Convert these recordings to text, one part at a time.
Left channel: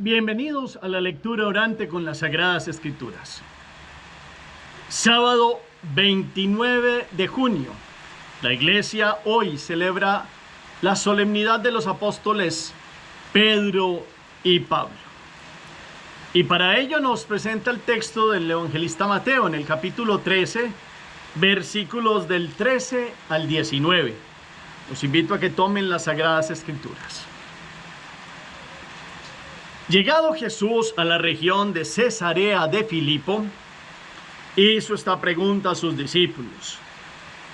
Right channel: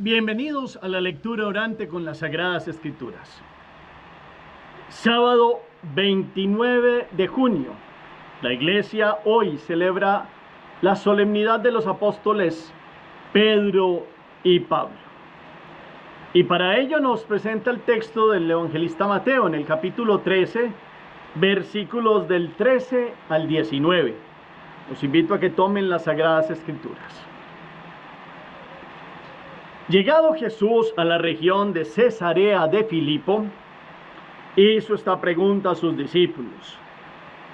Bienvenidos a la lectura orante con las Sagradas Escrituras. Sábado 29 de junio. La iglesia hoy celebra la solemnidad de los apóstoles Pedro y Pablo. Y para ello nos presenta el texto del evangelista Mateo en el capítulo 13, versículos del 13 al 19. Los invito a que tomen las Sagradas Escrituras. Llegado Jesús a la región de Cesarea de Filipo, hizo esta pregunta a sus discípulos:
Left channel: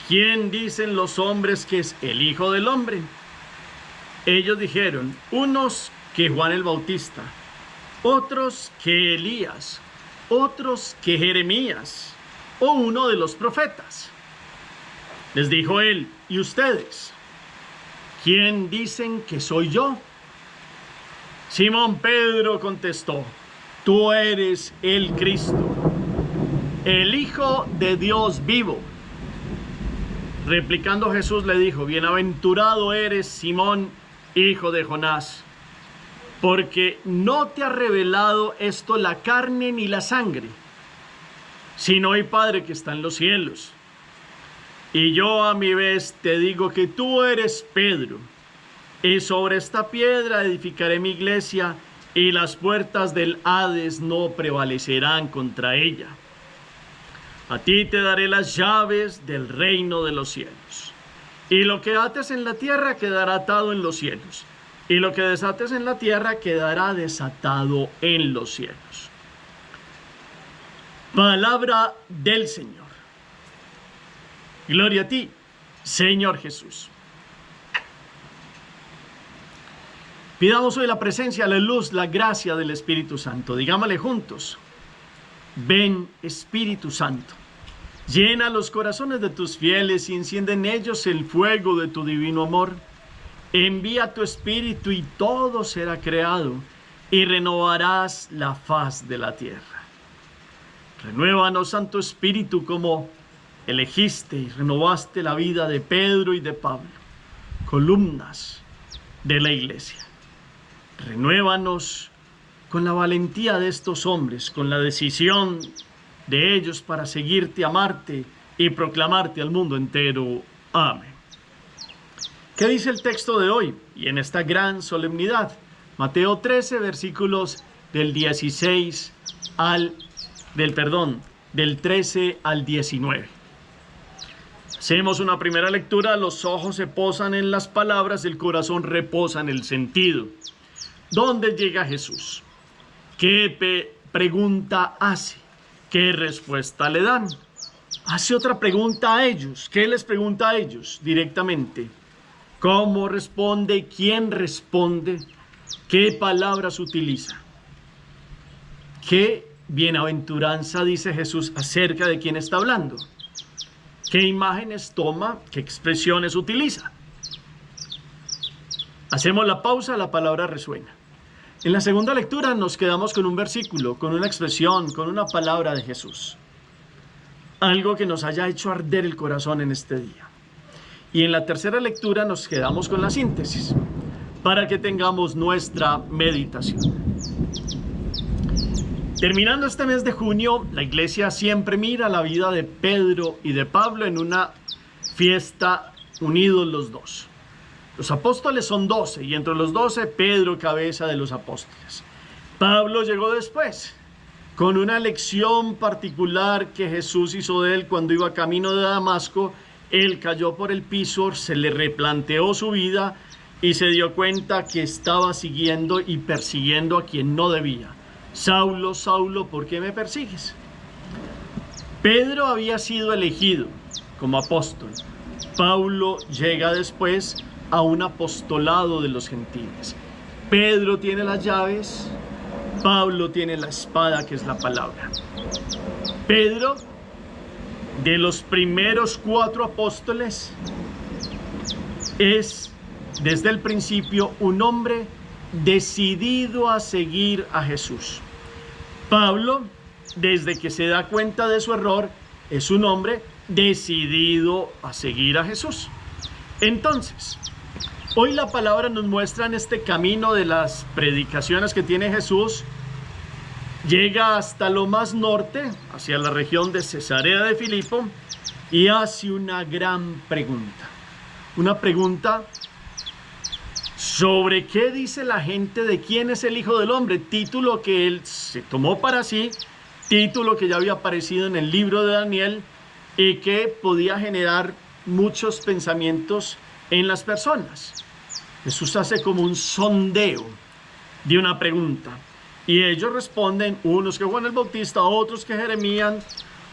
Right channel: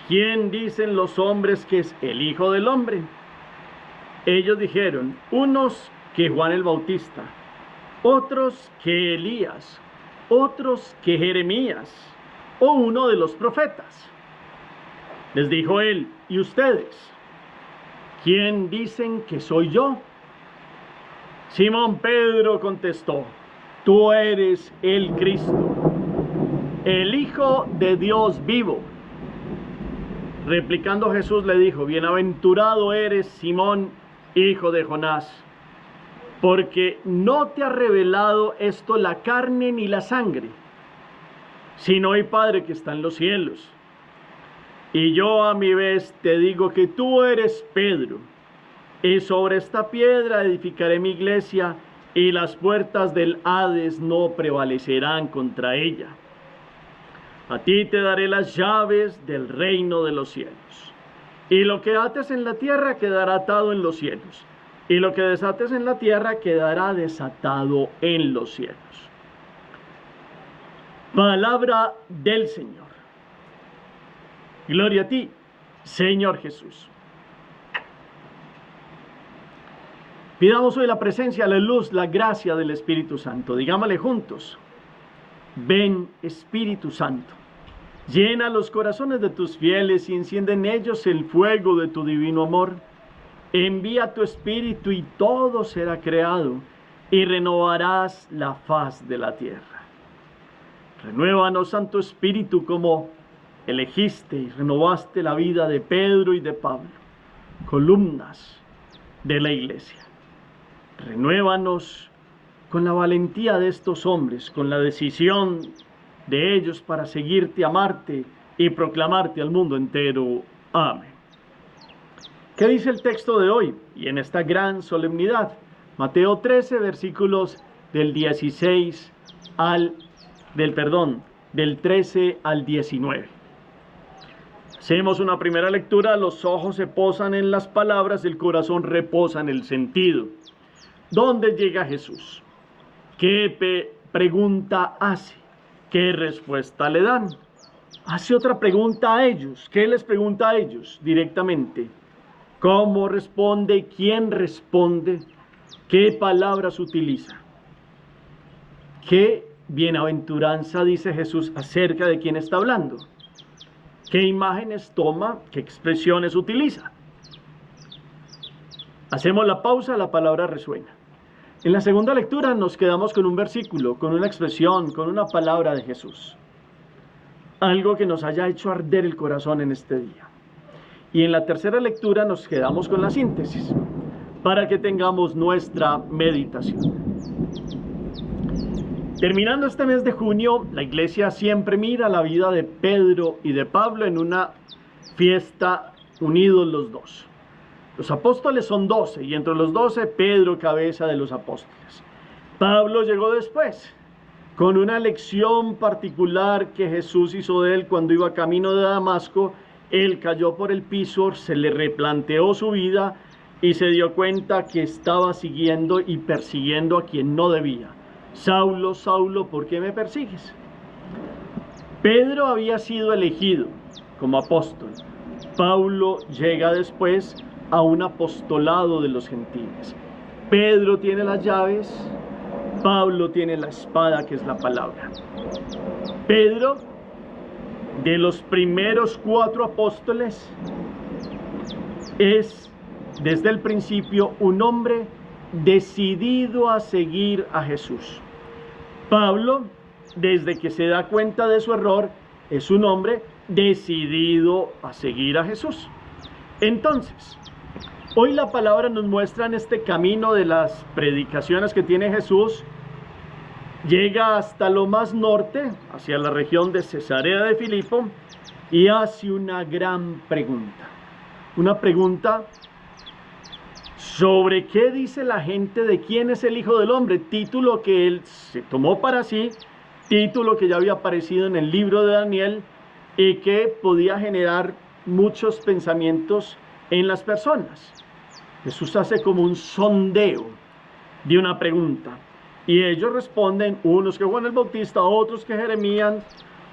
¿quién dicen los hombres que es el Hijo del Hombre? Ellos dijeron, unos que Juan el Bautista, otros que Elías, otros que Jeremías, o uno de los profetas. Les dijo él, ¿y ustedes? ¿Quién dicen que soy yo? Simón Pedro contestó, tú eres el Cristo, el Hijo de Dios vivo. Replicando Jesús le dijo, bienaventurado eres Simón, hijo de Jonás, porque no te ha revelado esto la carne ni la sangre, sino mi Padre que está en los cielos. Y yo a mi vez te digo que tú eres Pedro, y sobre esta piedra edificaré mi iglesia, y las puertas del Hades no prevalecerán contra ella. A ti te daré las llaves del reino de los cielos. Y lo que ates en la tierra quedará atado en los cielos, y lo que desates en la tierra quedará desatado en los cielos. Palabra del Señor. Gloria a ti, Señor Jesús. Pidamos hoy la presencia, la luz, la gracia del Espíritu Santo. Digámosle juntos, ven Espíritu Santo, llena los corazones de tus fieles y enciende en ellos el fuego de tu divino amor. Envía tu Espíritu y todo será creado y renovarás la faz de la tierra. Renuévanos, Santo Espíritu, como elegiste y renovaste la vida de Pedro y de Pablo, columnas de la iglesia. Renuévanos con la valentía de estos hombres, con la decisión de ellos para seguirte, amarte y proclamarte al mundo entero. Amén. ¿Qué dice el texto de hoy y en esta gran solemnidad? Mateo 13, versículos del 13 al 19. Hacemos una primera lectura, los ojos se posan en las palabras, el corazón reposa en el sentido. ¿Dónde llega Jesús? ¿Qué pregunta hace? ¿Qué respuesta le dan? Hace otra pregunta a ellos. ¿Qué les pregunta a ellos directamente? ¿Cómo responde? ¿Quién responde? ¿Qué palabras utiliza? ¿Qué bienaventuranza dice Jesús acerca de quién está hablando? ¿Qué imágenes toma? ¿Qué expresiones utiliza? Hacemos la pausa, la palabra resuena. En la segunda lectura nos quedamos con un versículo, con una expresión, con una palabra de Jesús. Algo que nos haya hecho arder el corazón en este día. Y en la tercera lectura nos quedamos con la síntesis, para que tengamos nuestra meditación. Terminando este mes de junio, la iglesia siempre mira la vida de Pedro y de Pablo en una fiesta unidos los dos. Los apóstoles son 12 y entre los 12 Pedro, cabeza de los apóstoles. Pablo llegó después con una lección particular que Jesús hizo de él cuando iba camino de Damasco. Él cayó por el piso, se le replanteó su vida y se dio cuenta que estaba siguiendo y persiguiendo a quien no debía. Saulo, Saulo, ¿por qué me persigues? Pedro había sido elegido como apóstol. Pablo llega después a un apostolado de los gentiles. Pedro tiene las llaves, Pablo tiene la espada, que es la palabra. Pedro, de los primeros 4 apóstoles, es desde el principio un hombre decidido a seguir a Jesús. Pablo, desde que se da cuenta de su error, es un hombre decidido a seguir a Jesús. Entonces, Hoy la palabra nos muestra en este camino de las predicaciones que tiene Jesús, llega hasta lo más norte, hacia la región de Cesarea de Filipo, y hace una gran pregunta. Una pregunta sobre qué dice la gente de quién es el Hijo del Hombre, título que él se tomó para sí, título que ya había aparecido en el libro de Daniel y que podía generar muchos pensamientos en las personas. Jesús hace como un sondeo de una pregunta y ellos responden, unos que Juan el Bautista, otros que Jeremías,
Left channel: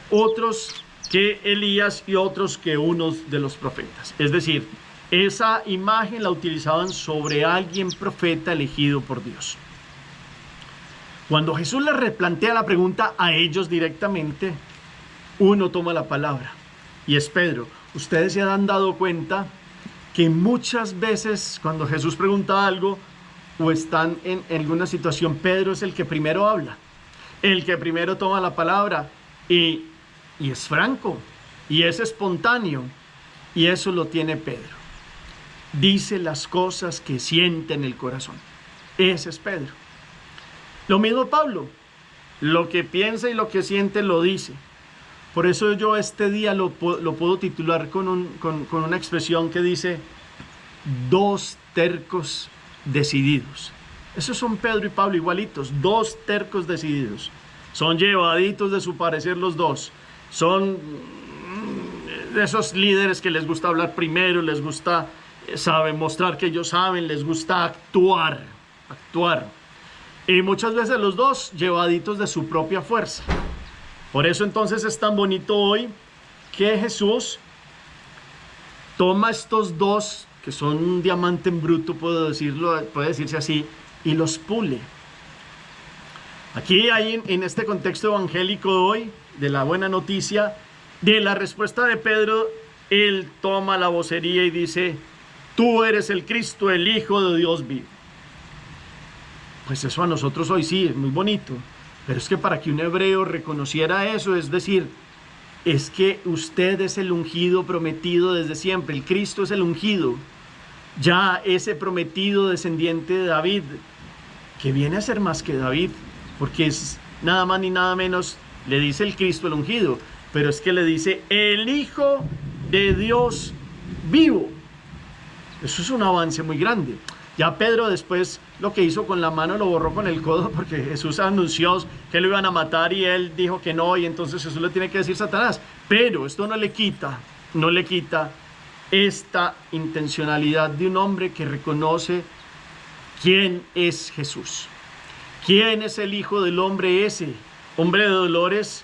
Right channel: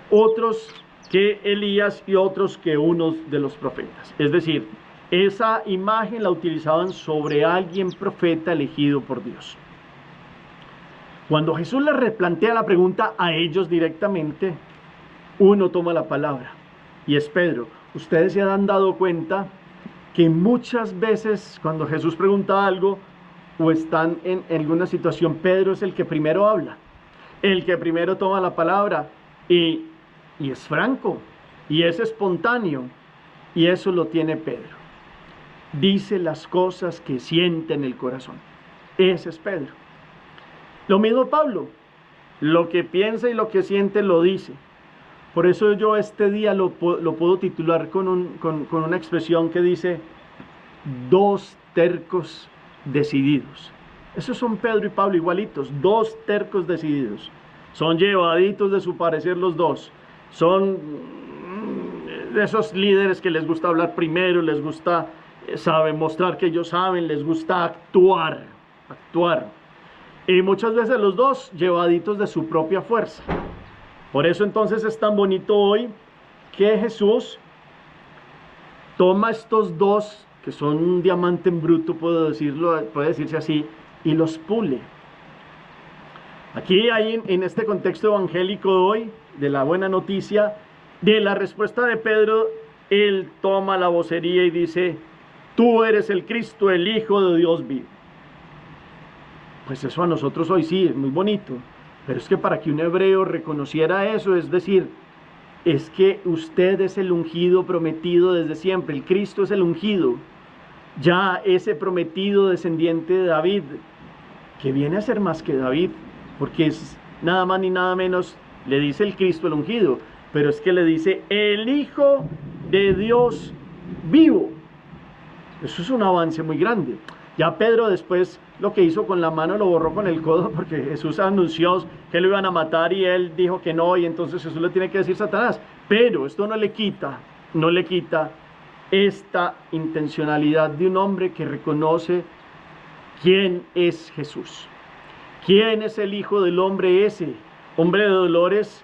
otros que Elías y otros que unos de los profetas. Es decir, esa imagen la utilizaban sobre alguien profeta elegido por Dios. Cuando Jesús les replantea la pregunta a ellos directamente, uno toma la palabra y es Pedro. Ustedes se han dado cuenta que muchas veces cuando Jesús pregunta algo o están en alguna situación, Pedro es el que primero habla, el que primero toma la palabra y es franco y es espontáneo, y eso lo tiene Pedro. Dice las cosas que siente en el corazón. Ese es Pedro. Lo mismo Pablo, lo que piensa y lo que siente lo dice. Por eso yo este día lo puedo titular con una expresión que dice: dos tercos decididos. Esos son Pedro y Pablo igualitos, dos tercos decididos. Son llevaditos de su parecer los dos. Son de esos líderes que les gusta hablar primero, les gusta mostrar que ellos saben, les gusta actuar. Y muchas veces los dos llevaditos de su propia fuerza. Por eso entonces es tan bonito hoy que Jesús toma estos dos, que son un diamante en bruto, puede decirse así, y los pule. Aquí hay en este contexto evangélico hoy, de la buena noticia, de la respuesta de Pedro, él toma la vocería y dice: tú eres el Cristo, el Hijo de Dios vivo. Pues eso a nosotros hoy sí es muy bonito, pero es que para que un hebreo reconociera eso, es decir, es que usted es el ungido prometido desde siempre, el Cristo es el ungido, ya ese prometido descendiente de David, que viene a ser más que David, porque es nada más ni nada menos, le dice el Cristo el ungido, pero es que le dice el Hijo de Dios vivo. Eso es un avance muy grande. Ya Pedro después lo que hizo con la mano lo borró con el codo, porque Jesús anunció que lo iban a matar y él dijo que no, y entonces Jesús le tiene que decir Satanás. Pero esto no le quita esta intencionalidad de un hombre que reconoce quién es Jesús. ¿Quién es el Hijo del Hombre ese? Hombre de dolores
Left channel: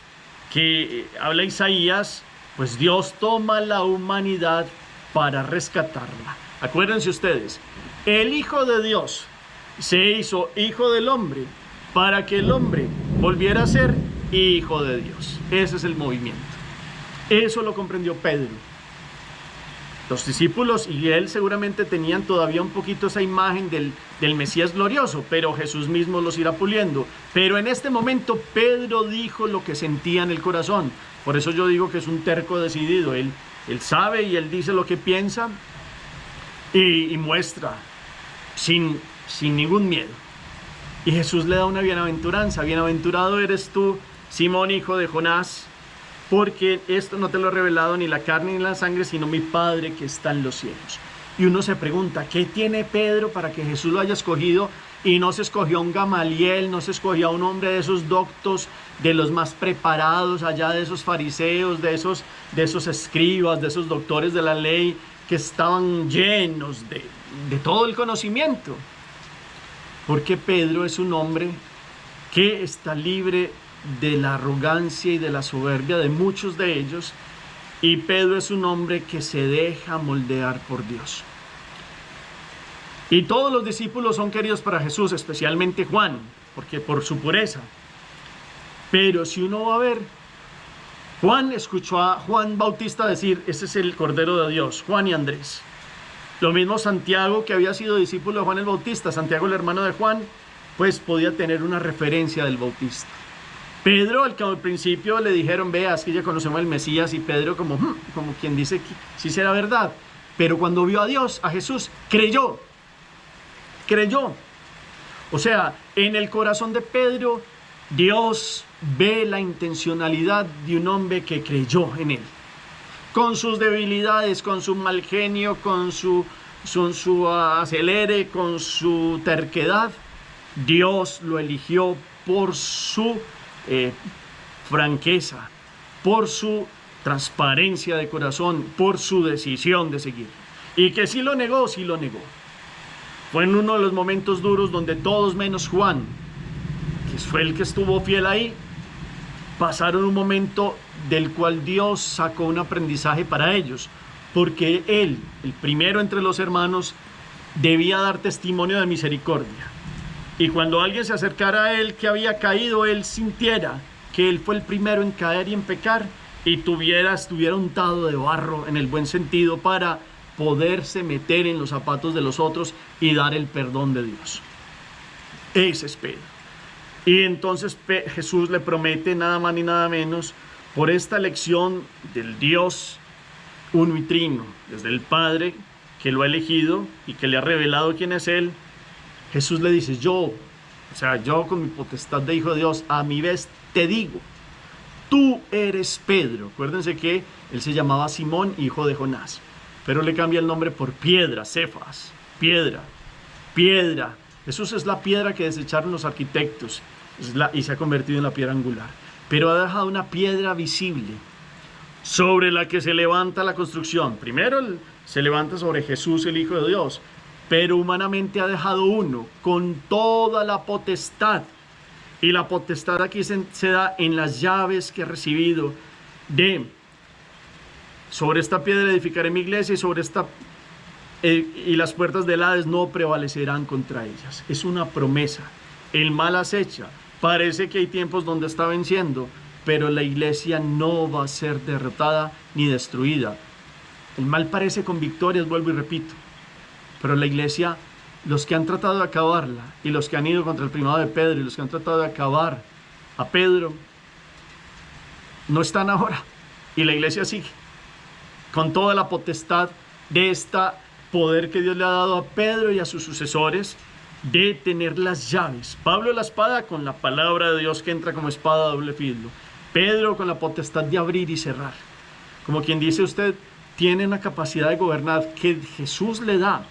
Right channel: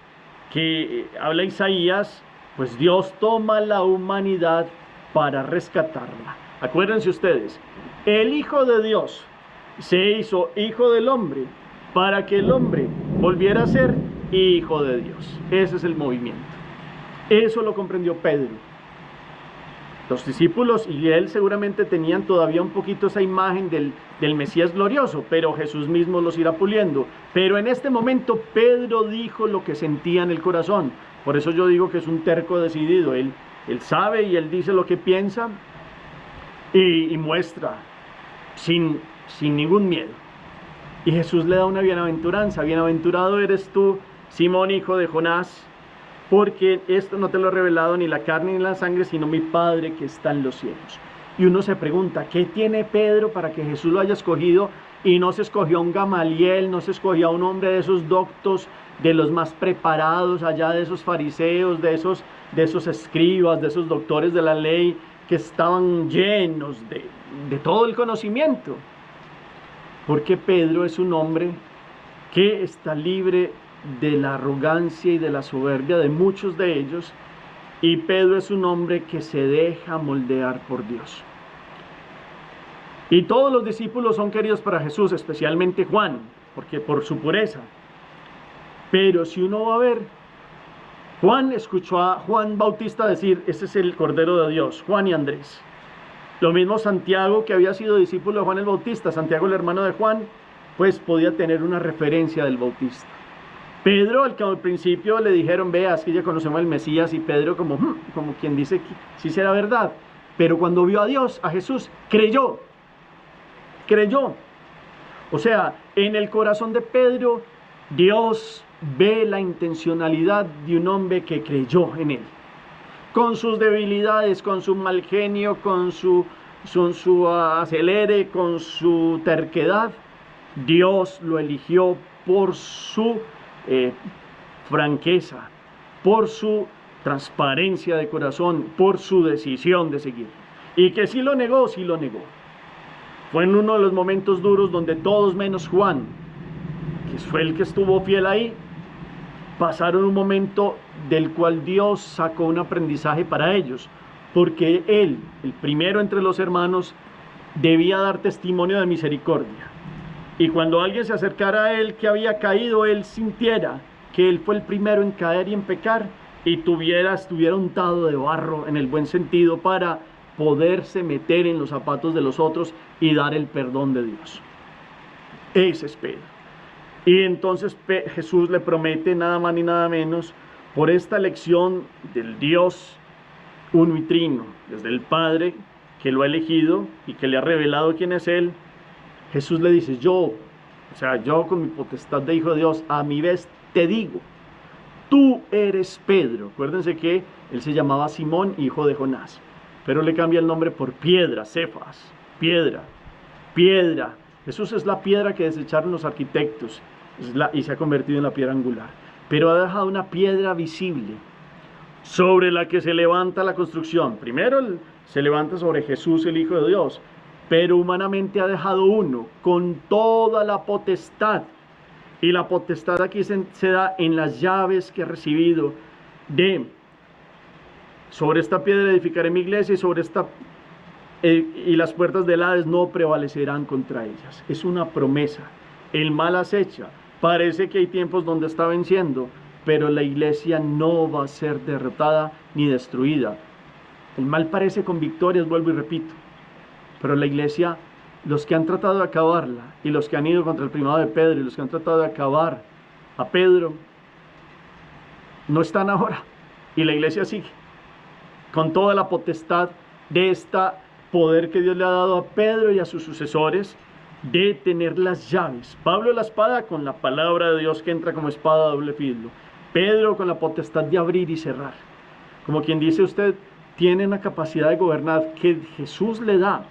que habla Isaías, pues Dios toma la humanidad para rescatarla. Acuérdense ustedes, el Hijo de Dios se hizo Hijo del Hombre para que el hombre volviera a ser Hijo de Dios. Ese es el movimiento. Eso lo comprendió Pedro. Los discípulos y él seguramente tenían todavía un poquito esa imagen del Mesías glorioso, pero Jesús mismo los irá puliendo. Pero en este momento Pedro dijo lo que sentía en el corazón. Por eso yo digo que es un terco decidido. Él sabe y él dice lo que piensa y muestra sin ningún miedo. Y Jesús le da una bienaventuranza. Bienaventurado eres tú, Simón, hijo de Jonás, porque esto no te lo ha revelado ni la carne ni la sangre, sino mi Padre que está en los cielos. Y uno se pregunta, ¿qué tiene Pedro para que Jesús lo haya escogido? Y no se escogió a un Gamaliel, no se escogió a un hombre de esos doctos, de los más preparados, allá de esos fariseos, de esos escribas, de esos doctores de la ley, que estaban llenos de todo el conocimiento. Porque Pedro es un hombre que está libre de la arrogancia y de la soberbia de muchos de ellos, y Pedro es un hombre que se deja moldear por Dios. Y todos los discípulos son queridos para Jesús, especialmente Juan, porque por su pureza. Pero si uno va a ver, Juan escuchó a Juan Bautista decir: ese es el Cordero de Dios, Juan y Andrés. Lo mismo Santiago, que había sido discípulo de Juan el Bautista, Santiago el hermano de Juan, pues podía tener una referencia del Bautista. Pedro, al que al principio le dijeron: veas que ya conocemos al Mesías, y Pedro como quien dice que sí será verdad. pero cuando vio a Dios, a Jesús, creyó. O sea, en el corazón de Pedro, Dios ve la intencionalidad de un hombre que creyó en él. Con sus debilidades, con su mal genio, con su acelere, con su terquedad, Dios lo eligió por su franqueza, por su transparencia de corazón, por su decisión de seguir. Y que sí lo negó. Fue en uno de los momentos duros donde todos menos Juan, que fue el que estuvo fiel ahí, pasaron un momento del cual Dios sacó un aprendizaje para ellos, porque él, el primero entre los hermanos, debía dar testimonio de misericordia. Y cuando alguien se acercara a él que había caído, él sintiera que él fue el primero en caer y en pecar, y estuviera untado de barro en el buen sentido para poderse meter en los zapatos de los otros y dar el perdón de Dios. Ese es Pedro. Y entonces Jesús le promete nada más ni nada menos, por esta elección del Dios uno y trino, desde el Padre que lo ha elegido y que le ha revelado quién es Él, Jesús le dice, yo con mi potestad de Hijo de Dios, a mi vez te digo, tú eres Pedro. Acuérdense que él se llamaba Simón, hijo de Jonás, pero le cambia el nombre por piedra, Cefas, piedra. Jesús es la piedra que desecharon los arquitectos y se ha convertido en la piedra angular, pero ha dejado una piedra visible sobre la que se levanta la construcción. Primero se levanta sobre Jesús, el Hijo de Dios, pero humanamente ha dejado uno con toda la potestad. Y la potestad aquí se da en las llaves que ha recibido sobre esta piedra edificaré mi iglesia y las puertas del Hades no prevalecerán contra ellas. Es una promesa. El mal acecha. Parece que hay tiempos donde está venciendo, pero la iglesia no va a ser derrotada ni destruida. El mal parece con victorias, vuelvo y repito, pero la iglesia, los que han tratado de acabarla y los que han ido contra el primado de Pedro y los que han tratado de acabar a Pedro, no están ahora. Y la iglesia sigue con toda la potestad de este poder que Dios le ha dado a Pedro y a sus sucesores de tener las llaves. Pablo la espada con la palabra de Dios que entra como espada a doble filo. Pedro con la potestad de abrir y cerrar. Como quien dice, usted tiene una capacidad de gobernar que Jesús le da.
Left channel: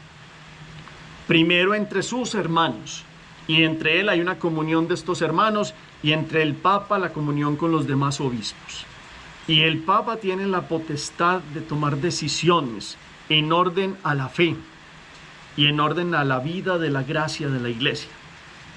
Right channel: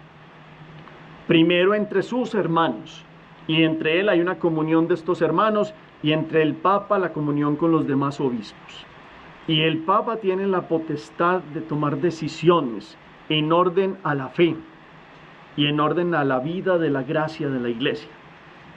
Primero entre sus hermanos, y entre él hay una comunión de estos hermanos, y entre el Papa la comunión con los demás obispos. Y el Papa tiene la potestad de tomar decisiones en orden a la fe y en orden a la vida de la gracia de la iglesia.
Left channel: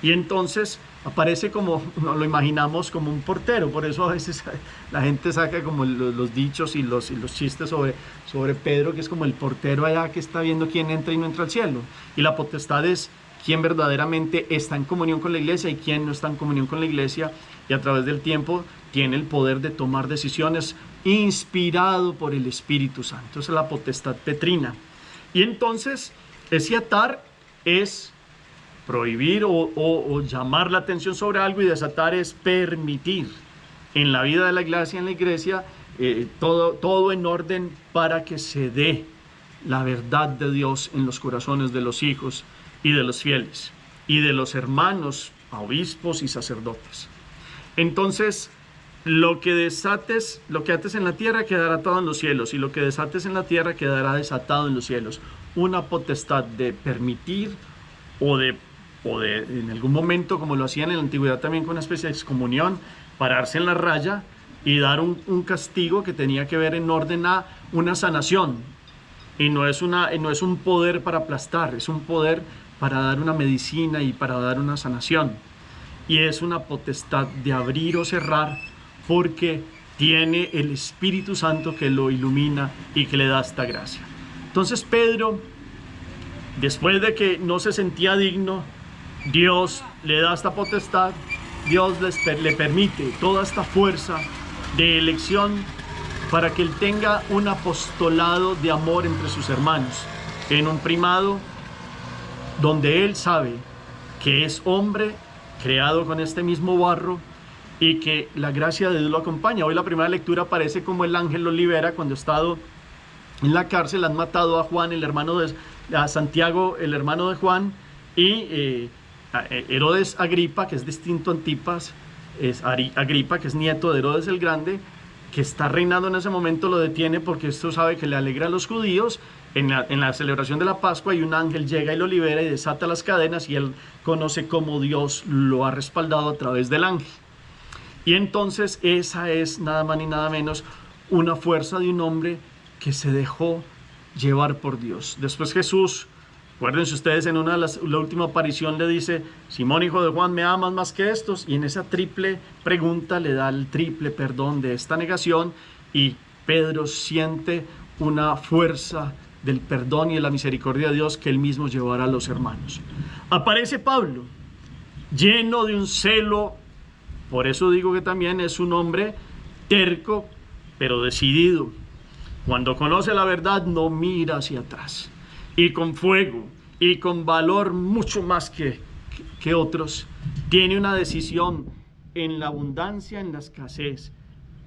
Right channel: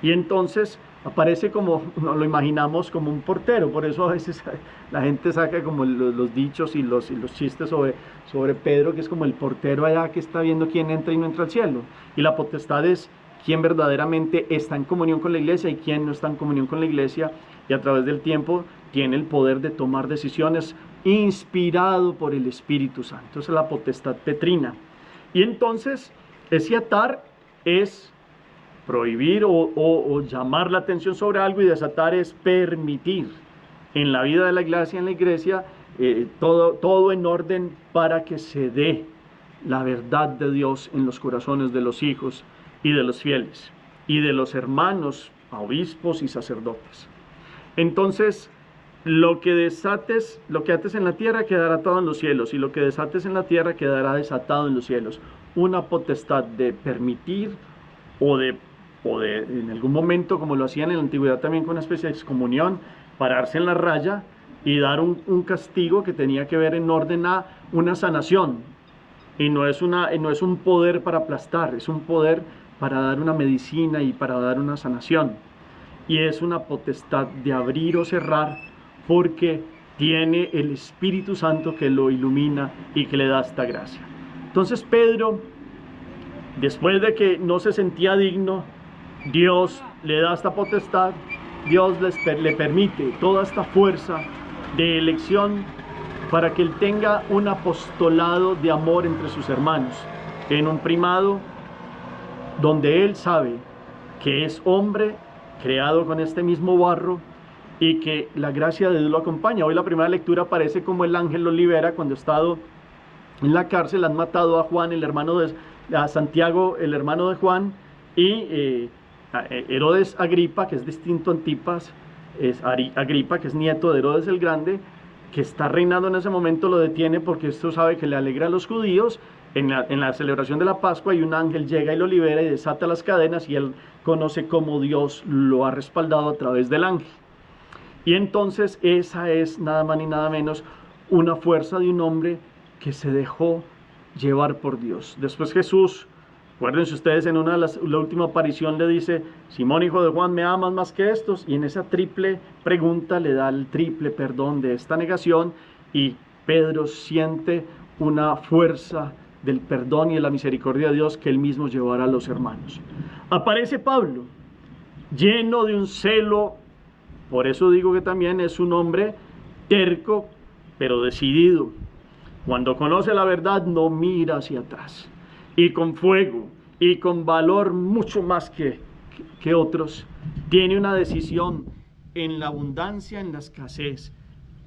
Y entonces aparece como, no lo imaginamos como un portero, por eso a veces la gente saca como los dichos y los chistes sobre Pedro, que es como el portero allá que está viendo quién entra y no entra al cielo. Y la potestad es quién verdaderamente está en comunión con la iglesia y quién no está en comunión con la iglesia, y a través del tiempo tiene el poder de tomar decisiones inspirado por el Espíritu Santo. Esa es la potestad petrina. Y entonces ese atar es prohibir o llamar la atención sobre algo, y desatar es permitir en la vida de la iglesia, todo en orden para que se dé la verdad de Dios en los corazones de los hijos y de los fieles y de los hermanos, obispos y sacerdotes. Entonces, lo que ates en la tierra quedará atado en los cielos, y lo que desates en la tierra quedará desatado en los cielos. Una potestad de permitir o de en algún momento, como lo hacían en la antigüedad también con una especie de excomunión, pararse en la raya y dar un castigo que tenía que ver en orden a una sanación. Y no es un poder para aplastar, es un poder para dar una medicina y para dar una sanación. Y es una potestad de abrir o cerrar, porque tiene el Espíritu Santo que lo ilumina y que le da esta gracia. Entonces Pedro, después de que no se sentía digno, Dios le da esta potestad, Dios le permite toda esta fuerza de elección para que él tenga un apostolado de amor entre sus hermanos, en un primado donde él sabe que es hombre creado con este mismo barro y que la gracia de Dios lo acompaña. Hoy la primera lectura parece como el ángel lo libera cuando ha estado en la cárcel, han matado a Juan, a Santiago, el hermano de Juan, y a Herodes Agripa, que es distinto a Antipas, es Agripa, que es nieto de Herodes el Grande, que está reinando en ese momento, lo detiene porque esto sabe que le alegra a los judíos. En la celebración de la Pascua, y un ángel llega y lo libera y desata las cadenas, y él conoce cómo Dios lo ha respaldado a través del ángel. Y entonces esa es nada más ni nada menos una fuerza de un hombre que se dejó llevar por Dios. Después Jesús, acuérdense ustedes, en la última aparición le dice: Simón, hijo de Juan, ¿me amas más que estos? Y en esa triple pregunta le da el triple perdón de esta negación, y Pedro siente una fuerza del perdón y de la misericordia de Dios que él mismo llevará a los hermanos. Aparece Pablo, lleno de un celo. Por eso digo que también es un hombre terco, pero decidido. Cuando conoce la verdad, no mira hacia atrás. Y con fuego y con valor mucho más que otros, tiene una decisión en la abundancia, en la escasez,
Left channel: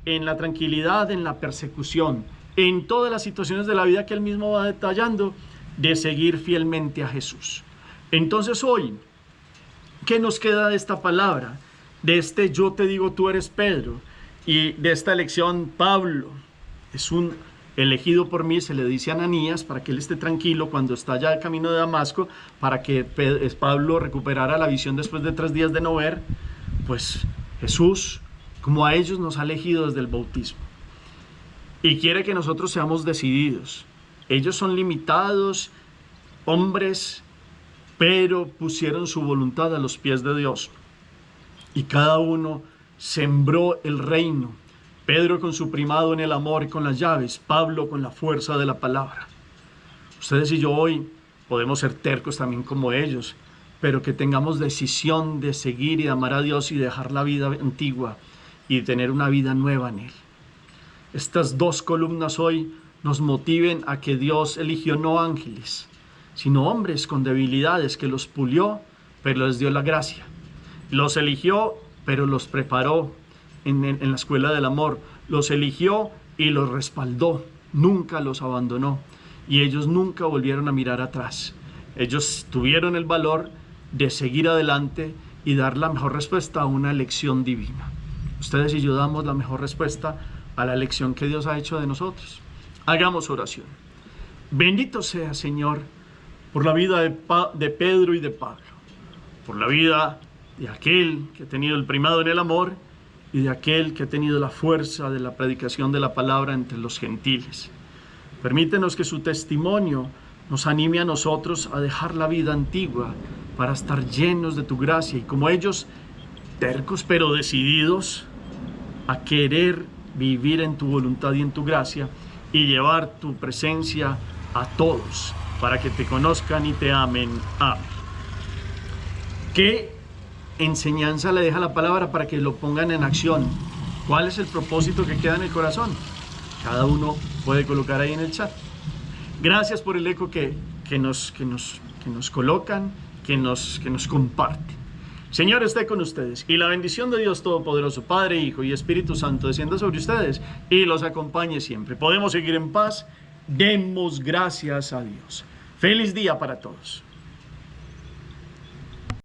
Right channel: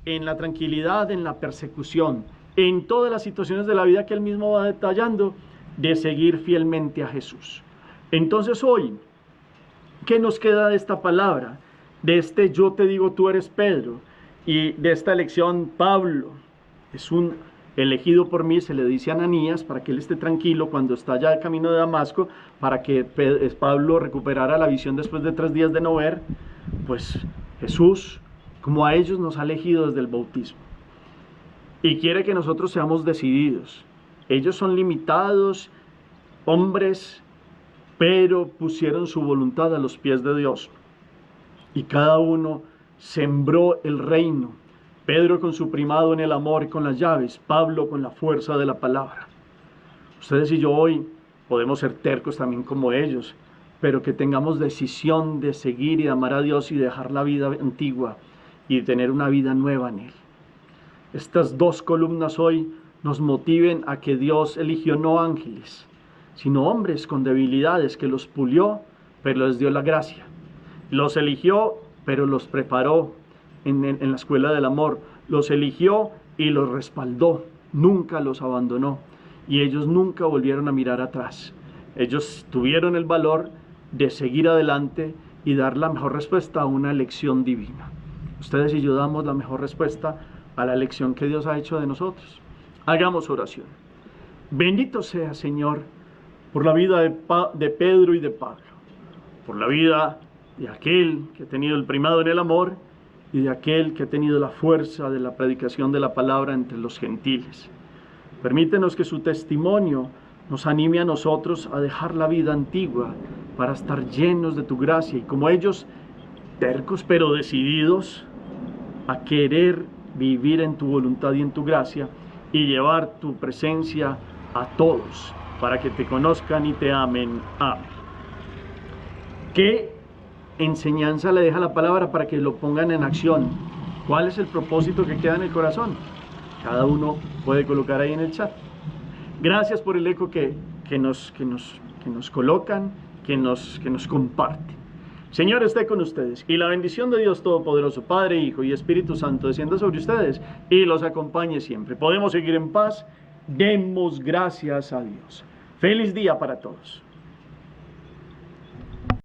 en la tranquilidad, en la persecución, en todas las situaciones de la vida que él mismo va detallando, de seguir fielmente a Jesús. Entonces hoy, ¿qué nos queda de esta palabra? De este yo te digo, tú eres Pedro, y de esta elección, Pablo es un elegido por mí, se le dice a Ananías, para que él esté tranquilo cuando está ya de camino de Damasco, para que Pablo recuperara la visión después de 3 días de no ver. Pues Jesús, como a ellos, nos ha elegido desde el bautismo, y quiere que nosotros seamos decididos. Ellos son limitados, hombres, pero pusieron su voluntad a los pies de Dios, y cada uno sembró el reino. Pedro con su primado en el amor y con las llaves, Pablo con la fuerza de la palabra. Ustedes y yo hoy podemos ser tercos también como ellos, pero que tengamos decisión de seguir y de amar a Dios y dejar la vida antigua y tener una vida nueva en Él. Estas 2 columnas hoy nos motiven a que Dios eligió no ángeles, sino hombres con debilidades, que los pulió, pero les dio la gracia. Los eligió, pero los preparó en la escuela del amor. Los eligió y los respaldó. Nunca los abandonó. Y ellos nunca volvieron a mirar atrás. Ellos tuvieron el valor de seguir adelante y dar la mejor respuesta a una elección divina. Ustedes y yo damos la mejor respuesta a la elección que Dios ha hecho de nosotros. Hagamos oración. Bendito sea, Señor, por la vida de Pedro y de Pablo, por la vida de aquel que ha tenido el primado en el amor y de aquel que ha tenido la fuerza de la predicación de la palabra entre los gentiles. Permítenos que su testimonio nos anime a nosotros a dejar la vida antigua para estar llenos de tu gracia, y como ellos, tercos pero decididos a querer vivir en tu voluntad y en tu gracia, y llevar tu presencia a todos para que te conozcan y te amen. Amén. ¿Qué enseñanza le deja la palabra para que lo pongan en acción? ¿Cuál es el propósito que queda en el corazón? Cada uno puede colocar ahí en el chat. Gracias por el eco que nos colocan, que nos comparten. Señor esté con ustedes, y la bendición de Dios Todopoderoso, Padre, Hijo y Espíritu Santo, descienda sobre ustedes y los acompañe siempre. Podemos seguir en paz. Demos gracias a Dios. Feliz día para todos.